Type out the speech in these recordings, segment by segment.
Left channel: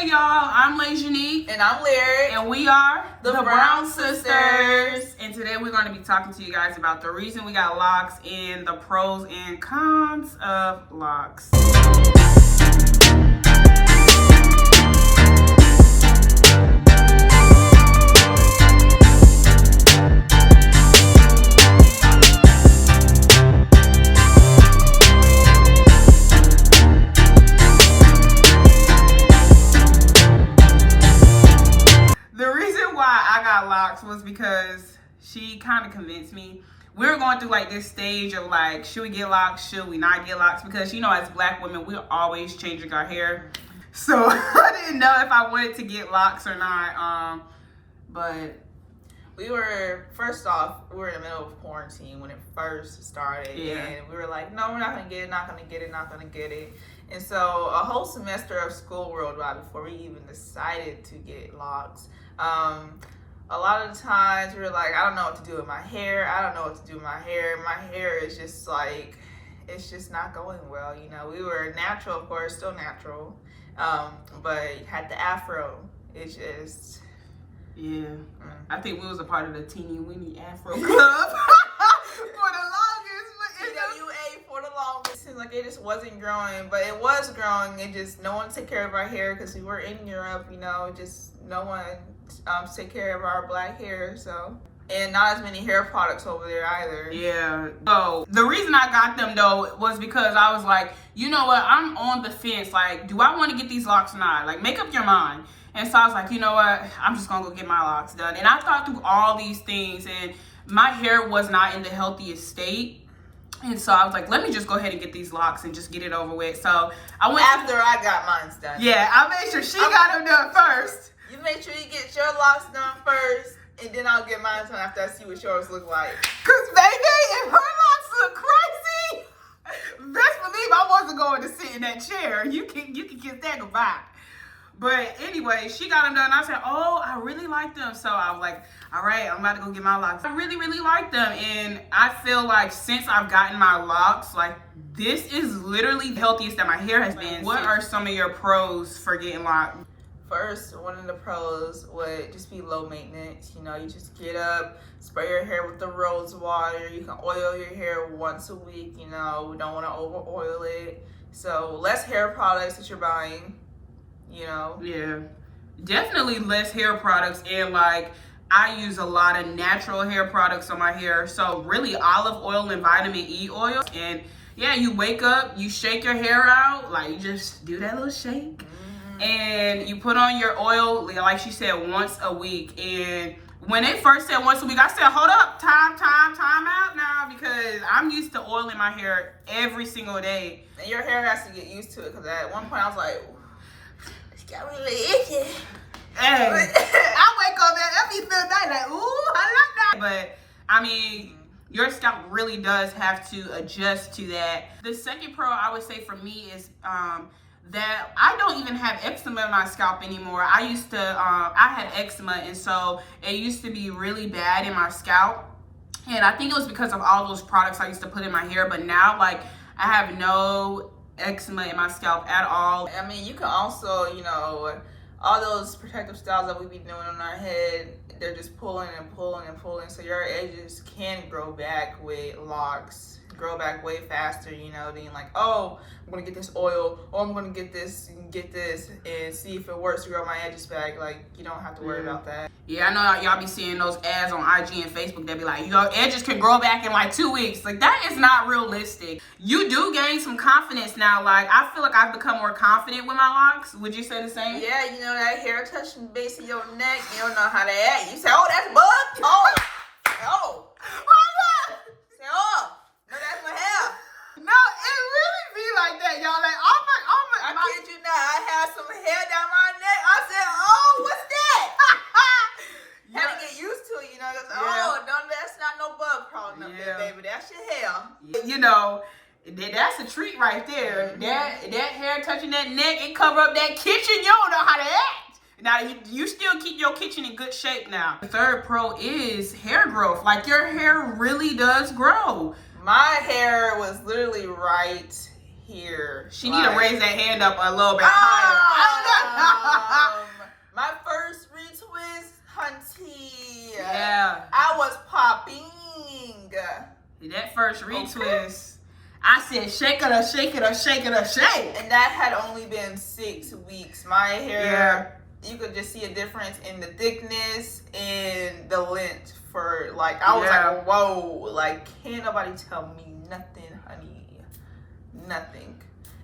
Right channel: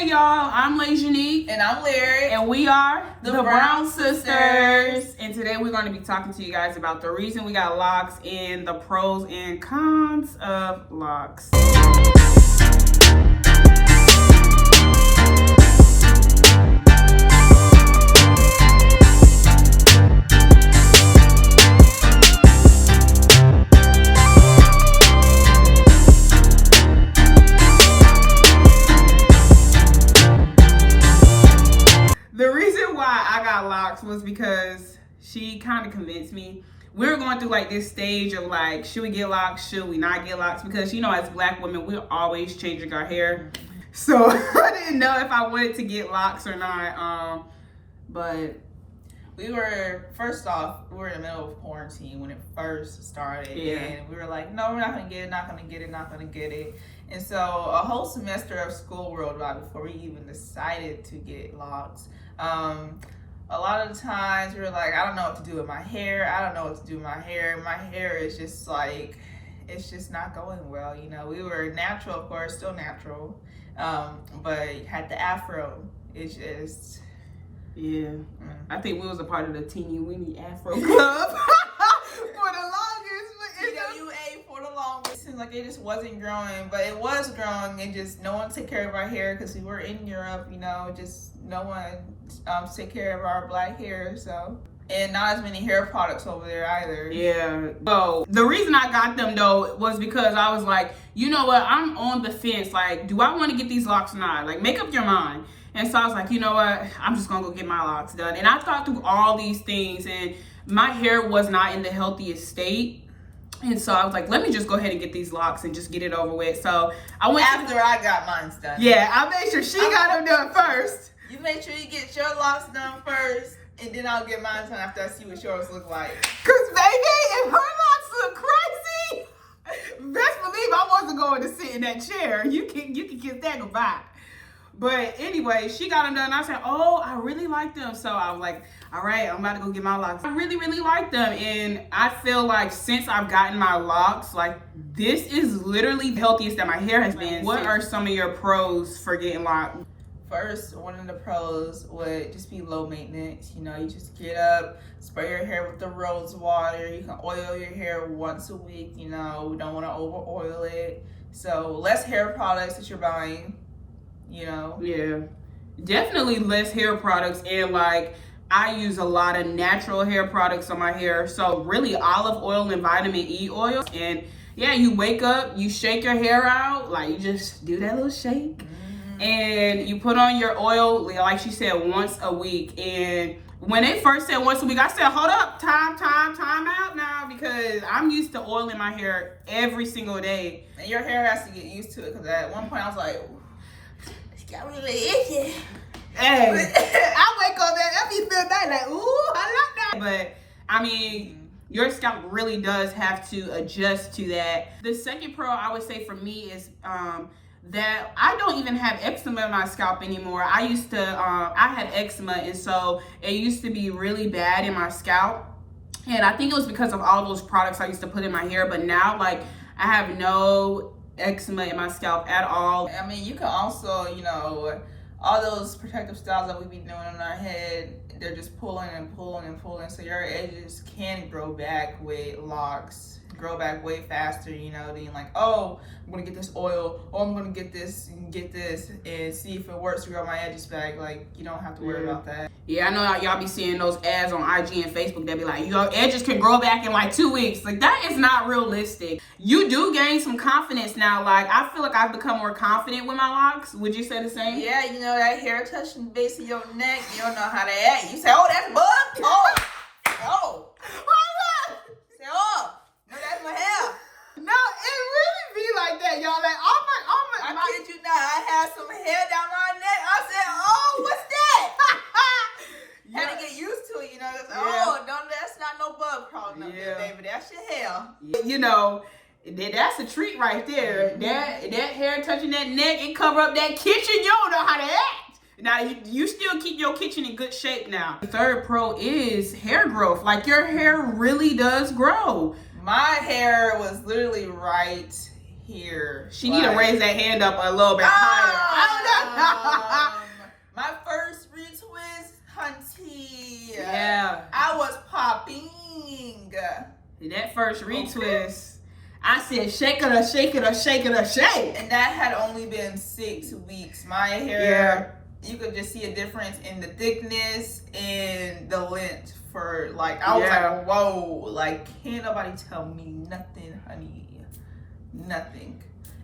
Hey y'all, I'm Lajanique. And I'm Lyric. And we are the Brown Sisters. And today we're going to be talking to you guys about the reason we got locks and the pros and cons of locks. Was because she kind of convinced me. We were going through like this stage of like, should we get locks, should we not get locks, because you know, as black women, we're always changing our hair, so I didn't know if I wanted to get locks or not. But we were, first off, we were in the middle of quarantine when it first started. And we were like, no, we're not gonna get it, not gonna get it. And so a whole semester of school worldwide before we even decided to get locks. A lot of the times we were like, I don't know what to do with my hair. My hair is just like, it's just not going well. You know, we were natural, of course, still natural. But had the Afro. It's just. Yeah. I think we was a part of the Tweenie Weenie Afro club for the longest. TWA for the longest. It seems like it just wasn't growing, but it was growing. It just, no one took care of our hair because we were in Europe, you know, just no one take care of our black hair, so. And not as many hair products over there either. Yeah. So the reason I got them though was because I was like, you know what, I'm on the fence. Like, do I want to get these locks or not? Like, make up your mind. And so I was like, you know what, I'm just gonna go get my locks done. And I thought through all these things, and my hair was not in the healthiest state. And so I was like, let me just go ahead and get these locks and just get it over with. So I went after I got mine done. Yeah, I made sure she got them done first. You make sure you get your locks done first, and then I'll get mine done after I see what yours look like. Cause baby, if her locks look crazy, best believe I wasn't going to sit in that chair. You can kiss that goodbye. But anyway, she got them done. I said, oh, I really like them. So I was like, all right, I'm about to go get my locks. I really, really like them. And I feel like since I've gotten my locks, like this is literally the healthiest that my hair has been. What are some of your pros for getting locked? First, one of the pros would just be low maintenance. You know, you just get up, spray your hair with the rose water. You can oil your hair once a week. You know, we don't want to over oil it. So less hair products that you're buying. You know? Yeah, definitely less hair products. And like, I use a lot of natural hair products on my hair. So really olive oil and vitamin E oil. And yeah, you wake up, you shake your hair out. Like, you just do that little shake. And you put on your oil, like she said, once a week. And when they first said once a week, I said, hold up, time out now, because I'm used to oiling my hair every single day. And your hair has to get used to it, because at one point I was like, got really itchy. Hey, I wake up every night like, ooh, I like that. But I mean, your scalp really does have to adjust to that. The second pro I would say for me is that I don't even have eczema in my scalp anymore. I used to, I had eczema, and so it used to be really bad in my scalp. And I think it was because of all those products I used to put in my hair. But now, like, I have no eczema in my scalp at all. I mean, you can also, you know, all those protective styles that we be doing on our head, they're just pulling and pulling and pulling, so your edges can grow back with locks, grow back way faster, you know, than like, oh, I'm gonna get this oil, oh, I'm gonna get this and see if it works to grow my edges back. Like, you don't have to worry about that. Yeah, I know y'all be seeing those ads on IG and Facebook that be like, your edges can grow back in like 2 weeks. Like, that is not realistic. You do gain some confidence now. Like, I feel like I've become more confident with my locks. Would you say the same? Yeah, you know, that hair touching the base of your neck, you don't know how to act. You say, oh, that's bug? Oh. Why not? Say, oh, no, that's my hair. No, it really be like that, y'all. Like, oh my. I kid you not, I had some hair down my neck. I said, oh, what's that? You gotta get used to it, you know. Oh, no, that's not no bug crawling up there, baby. That's your hair. You know, that's a treat right there. That hair touching that neck, it cover up that kitchen. You don't know how to act. Now, you still keep your kitchen in good shape now. The third pro is hair growth. Like, your hair really does grow. My hair was literally right here. She need to raise that hand up a little bit higher. I don't know. first retwist, I said, shake it up, shake it up, shake it up, shake. And that had only been 6 weeks. My hair, you could just see a difference in the thickness and the length for like, I was like, whoa, like, can't nobody tell me nothing, honey. Nothing.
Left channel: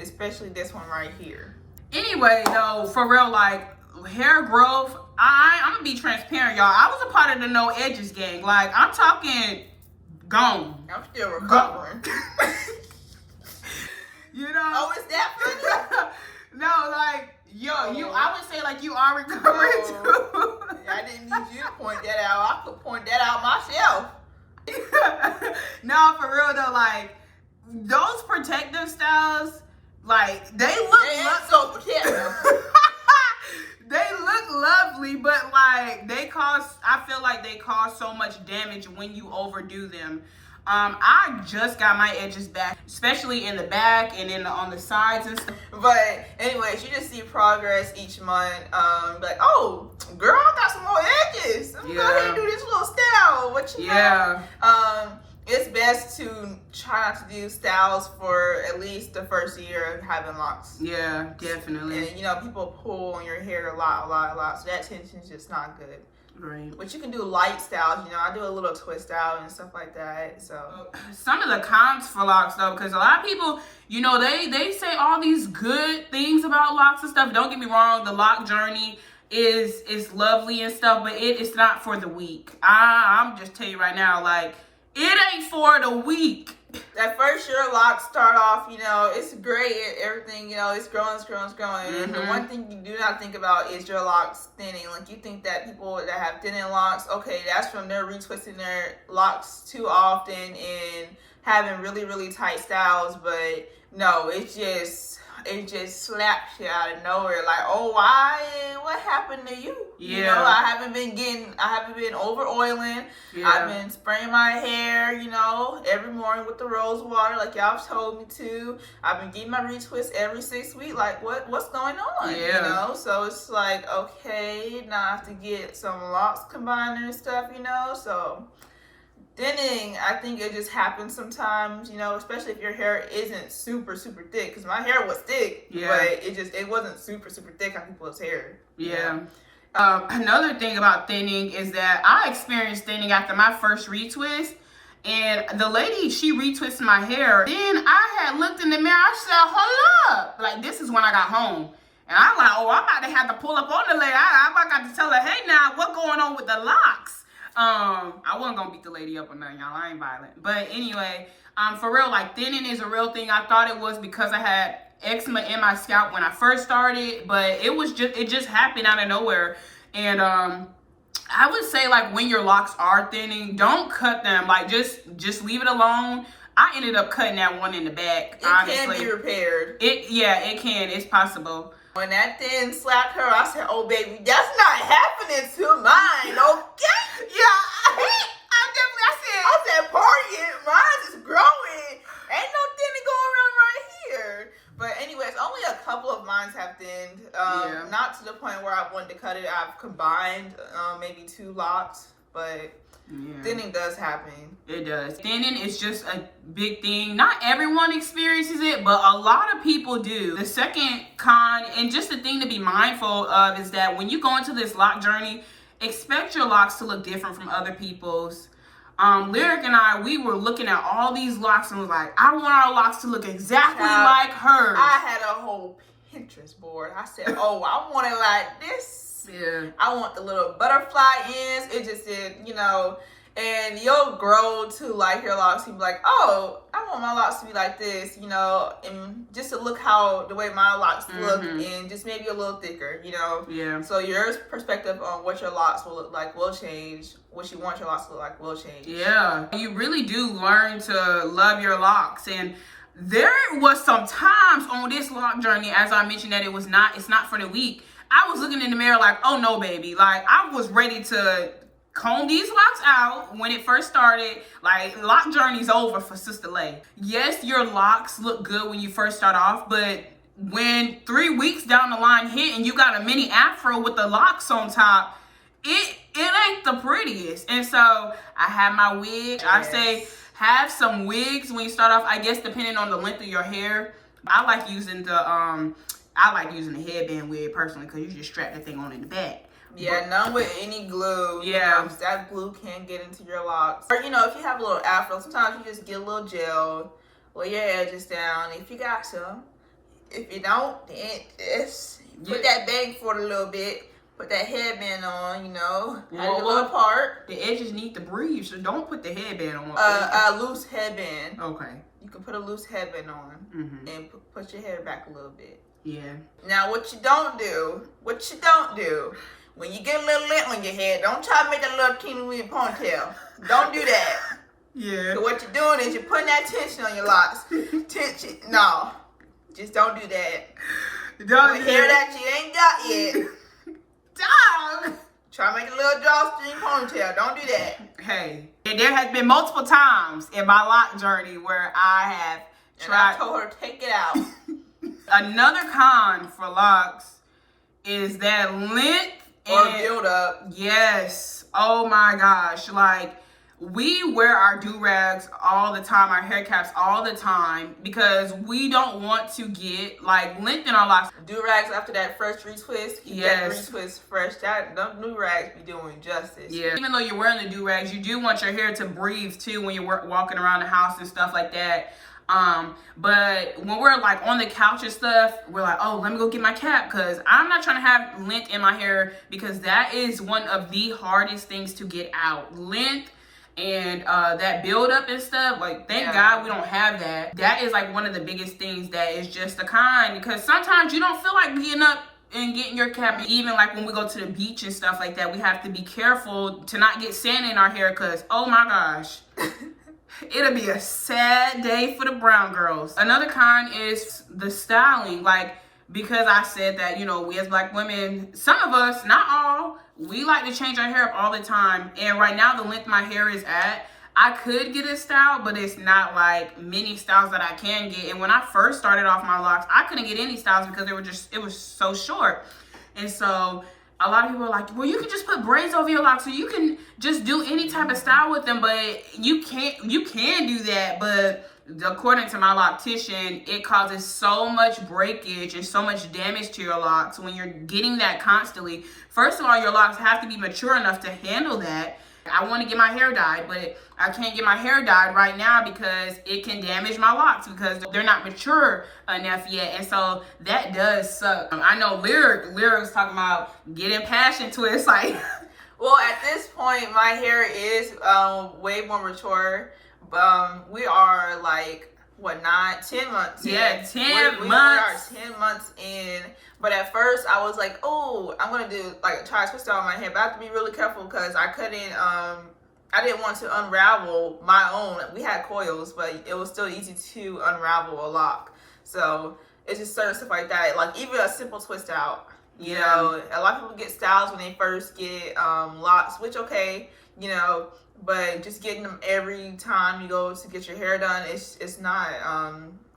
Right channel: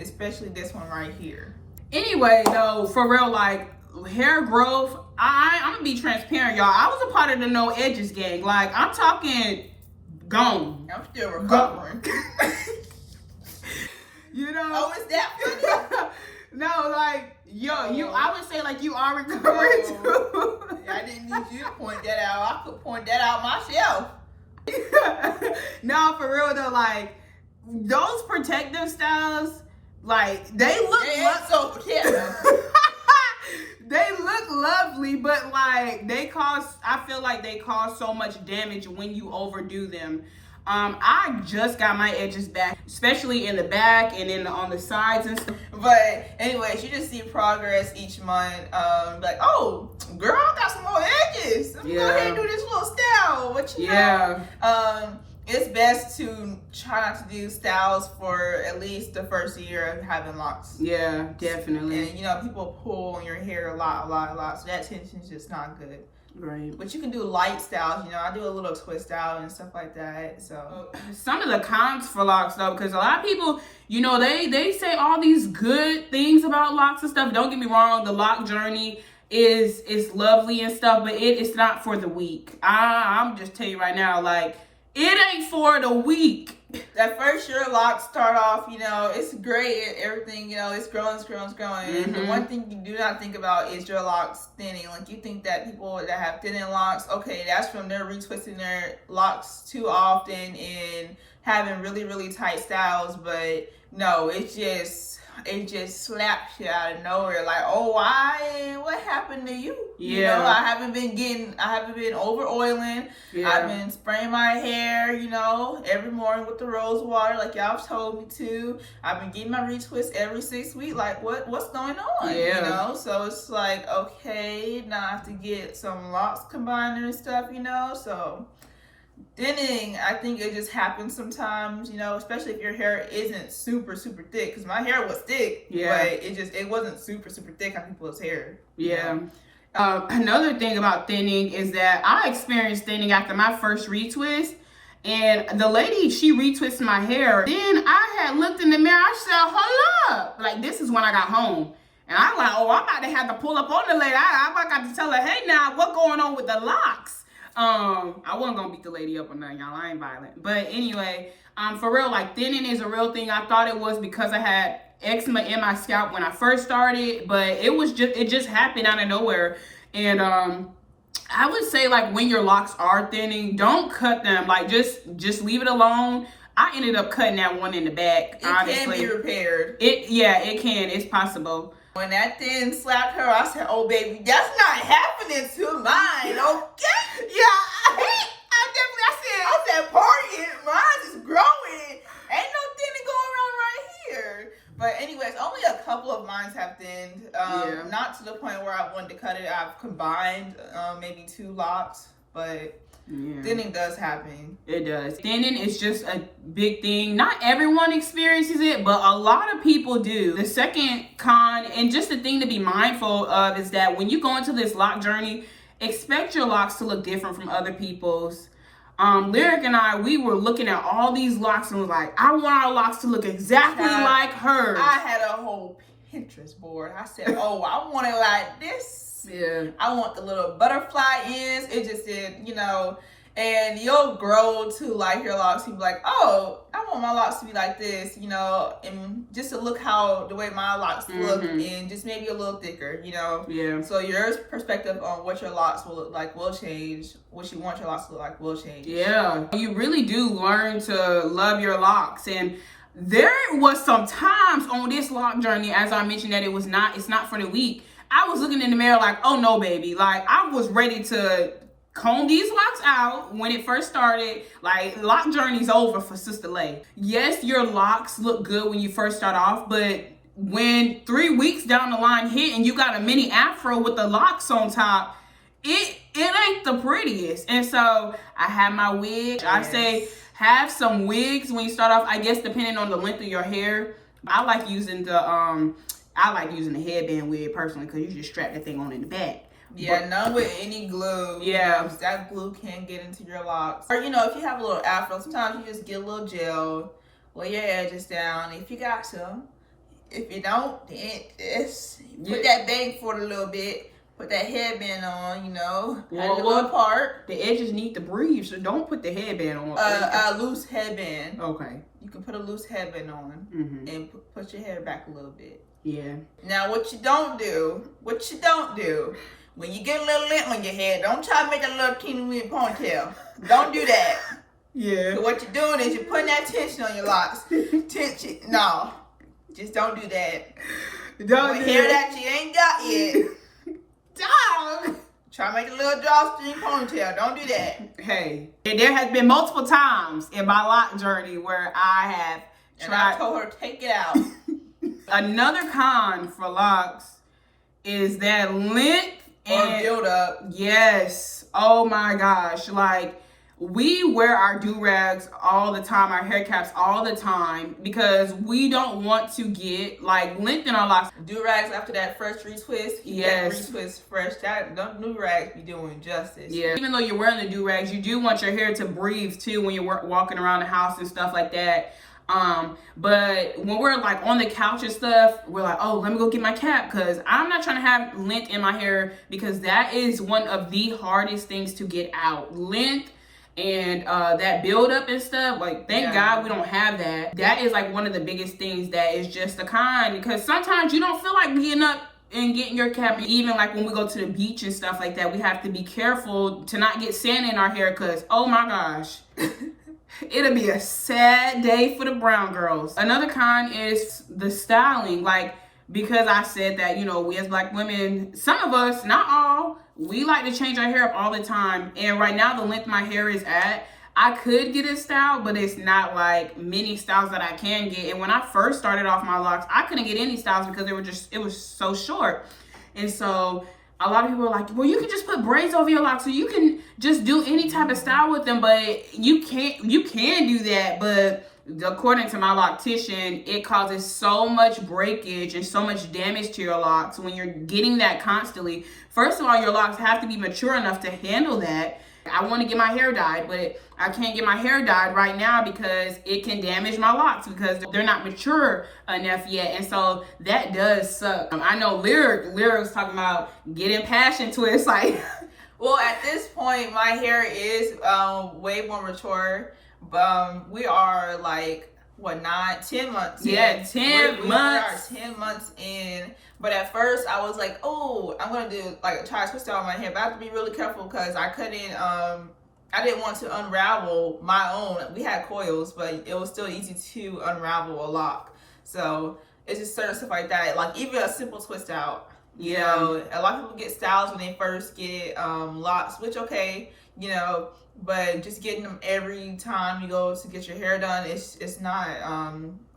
Especially this one right here. Anyway, though, for real, like, hair growth, I'm gonna be transparent, y'all. I was a part of the no edges gang. Like, I'm talking gone. I'm still recovering. You know? Oh, is that funny? No, like, I would say, like, you are recovering too. I didn't need you to point that out. I could point that out myself. No, for real though, like, those protective styles, like, they look so protective. They look lovely, but like I feel like they cause so much damage when you overdo them. I just got my edges back, especially in the back and on the sides and stuff. But anyways, you just see progress each month. Like, oh, girl, I got some more edges. Let me go ahead and do this little style. What you know? It's best to try not to do styles for at least the first year of having locks. Yeah, definitely. And you know, people pull on your hair a lot. So that tension is just not good. Right. But you can do light styles. You know, I do a little twist out and stuff like that. So some of the cons for locks though, because a lot of people, you know, they say all these good things about locks and stuff. Don't get me wrong, the lock journey is lovely and stuff, but it's not for the weak. I'm just telling you right now, like, it ain't for the weak. That first year locks start off, you know, it's great. Everything, you know, it's growing. Mm-hmm. The one thing you do not think about is your locks thinning. Like, you think that people that have thinning locks, okay, that's from their retwisting their locks too often and having really, really tight styles. But no, it just slaps you out of nowhere. Like, oh, why? What happened to you? Yeah. You know, I haven't been over oiling. Yeah. I've been spraying my hair, you know, every morning with the rose water, like y'all told me to. I've been getting my retwist every 6 weeks. Like, what's going on? Yeah. You know, so it's like, okay, now I have to get some locks combiner and stuff, you know, so. Thinning, I think it just happens sometimes, you know, especially if your hair isn't super, super thick. Because my hair was thick, but it wasn't super, super thick on people's hair. Yeah. Another thing about thinning is that I experienced thinning after my first retwist. And the lady, she retwisted my hair. Then I had looked in the mirror. I said, hold up. Like, this is when I got home. And I'm like, oh, I'm about to have to pull up on the lady. I got to tell her, hey, now, what's going on with the locks? I wasn't gonna beat the lady up or nothing, y'all. I ain't violent. But anyway, for real, like, thinning is a real thing. I thought it was because I had eczema in my scalp when I first started, but it just happened out of nowhere. And I would say, like, when your locks are thinning, don't cut them. Like, just leave it alone. I ended up cutting that one in the back. Honestly, it can be repaired. It can. It's possible. When that thin slapped her, I said, oh, baby, that's not happening to mine, okay? Yeah, I said, party, mine is growing. Ain't no thinning going on right here. But anyways, only a couple of mine have thinned. Not to the point where I wanted to cut it. I've combined maybe 2 locks, but thinning does happen. It does. Thinning is just a big thing. Not everyone experiences it, but a lot of people do. The second con, and just the thing to be mindful of, is that when you go into this lock journey, expect your locks to look different from other people's. Lyric and I, we were looking at all these locks and was like, I want our locks to look exactly like hers. I had a whole Pinterest board. I said, oh, I want it like this. Yeah. I want the little butterfly ends. It just did, you know, and you'll grow to like your locks. You'll be like, oh, I want my locks to be like this, you know, and just to look the way my locks look, and just maybe a little thicker, you know. Yeah. So your perspective on what your locks will look like will change. What you want your locks to look like will change. Yeah. You really do learn to love your locks. And there was some times on this lock journey, as I mentioned, that it's not for the weak. I was looking in the mirror like, oh no, baby. Like, I was ready to comb these locks out when it first started. Like, lock journey's over for Sister Lay. Yes, your locks look good when you first start off, but when 3 weeks down the line hit and you got a mini afro with the locks on top, it it ain't the prettiest. And so I have my wig. I say have some wigs when you start off, I guess depending on the length of your hair. I like using the headband wig personally, because you just strap that thing on in the back. Yeah, none with any glue. Yeah. You know, that glue can get into your locks. Or, you know, if you have a little afro, sometimes you just get a little gel, lay your edges down if you got to. If you don't, then just put that bang for a little bit. Put that headband on, you know, a little part. The edges need to breathe, so don't put the headband on. A loose headband. Okay. You can put a loose headband on and push your hair back a little bit. Yeah. Now, what you don't do, when you get a little lint on your head, don't try to make a little teeny weeny ponytail. Don't do that. Yeah. So what you're doing is you're putting that tension on your locks. Tension. No. Just don't do that. Don't do hair that you ain't got yet. Dog. Try to make a little drawstring ponytail. Don't do that. Hey, and there has been multiple times in my lock journey where I have tried. And I told her, take it out. Another con for locks is that lint and build up. Yes. Oh my gosh. Like, we wear our do-rags all the time, our hair caps all the time, because we don't want to get like lint in our locks. Do-rags after that fresh retwist. Yes. That retwist fresh. That them do-rags be doing justice. Yeah. Even though you're wearing the do-rags, you do want your hair to breathe too when you're walking around the house and stuff like that. But when we're like on the couch and stuff, we're like, oh, let me go get my cap, because I'm not trying to have lint in my hair, because that is one of the hardest things to get out. Lint and that buildup and stuff, like, thank God we don't have that. That is like one of the biggest things that is just a con, because sometimes you don't feel like getting up and getting your cap. Even like when we go to the beach and stuff like that, we have to be careful to not get sand in our hair, because oh my gosh. It'll be a sad day for the brown girls. Another con is the styling. Like, because I said that, you know, we as Black women, some of us, not all, we like to change our hair up all the time. And right now, the length my hair is at, I could get a style, but it's not like many styles that I can get. And when I first started off my locks, I couldn't get any styles because it was so short. And so a lot of people are like, well, you can just put braids over your locks, so you can just do any type of style with them. But you can do that, but according to my loctician, it causes so much breakage and so much damage to your locks when you're getting that constantly. First of all, your locks have to be mature enough to handle that. I want to get my hair dyed, but I can't get my hair dyed right now because it can damage my locks because they're not mature enough yet. And so that does suck. I know Lyric was talking about getting passion twists. Like, well, at this point, my hair is way more mature. We are like, what, 10 months in. Yeah, 10 months. We are 10 months in. But at first, I was like, oh, I'm going to do, like, try to twist out my hair. But I have to be really careful because I couldn't, I didn't want to unravel my own. We had coils, but it was still easy to unravel a lock. So it's just certain stuff like that. Like, even a simple twist out. You know, a lot of people get styles when they first get locks, which, okay, you know, but just getting them every time you go to get your hair done, it's not,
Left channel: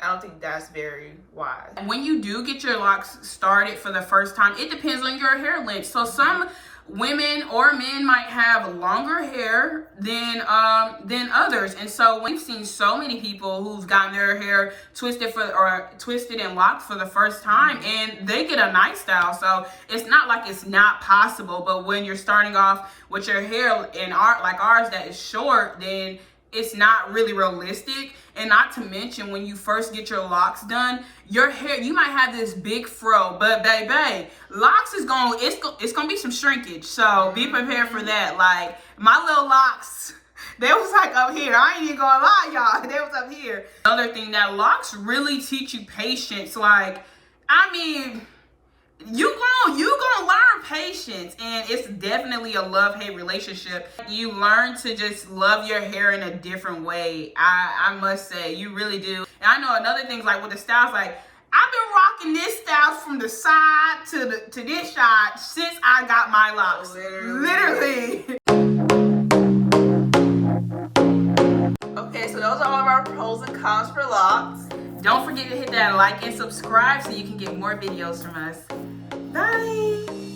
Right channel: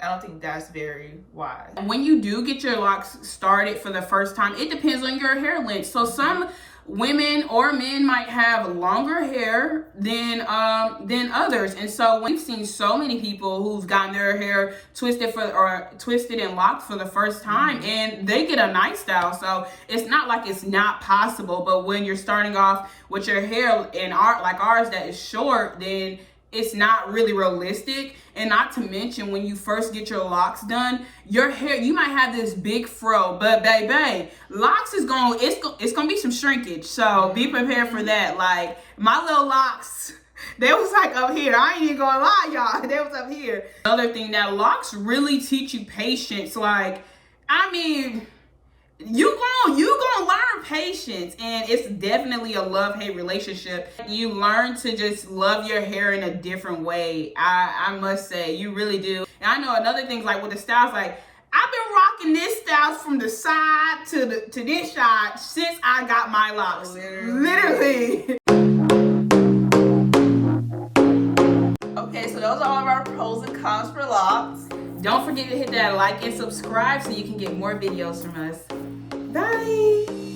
I don't think that's very wise. When you do get your locks started for the first time, it depends on your hair length. So some women or men might have longer hair than others. And so we've seen so many people who've gotten their hair twisted and locked for the first time, and they get a nice style. So it's not like it's not possible, but when you're starting off with your hair in like ours that is short, then it's not really realistic. And not to mention, when you first get your locks done, your hair, you might have this big fro, but baby, locks is it's gonna be some shrinkage. So be prepared for that. Like, my little locks, they was like up here. I ain't even gonna lie, y'all. They was up here. Another thing, that locks really teach you patience. Like, I mean, you gonna learn patience, and it's definitely a love-hate relationship. You learn to just love your hair in a different way. I must say, you really do. And I know another thing, like with the styles, like, I've been rocking this style from the side to this side since I got my locks. Literally. Okay, so those are all of our pros and cons for locks. Don't forget to hit that like and subscribe so you can get more videos from us. Bye.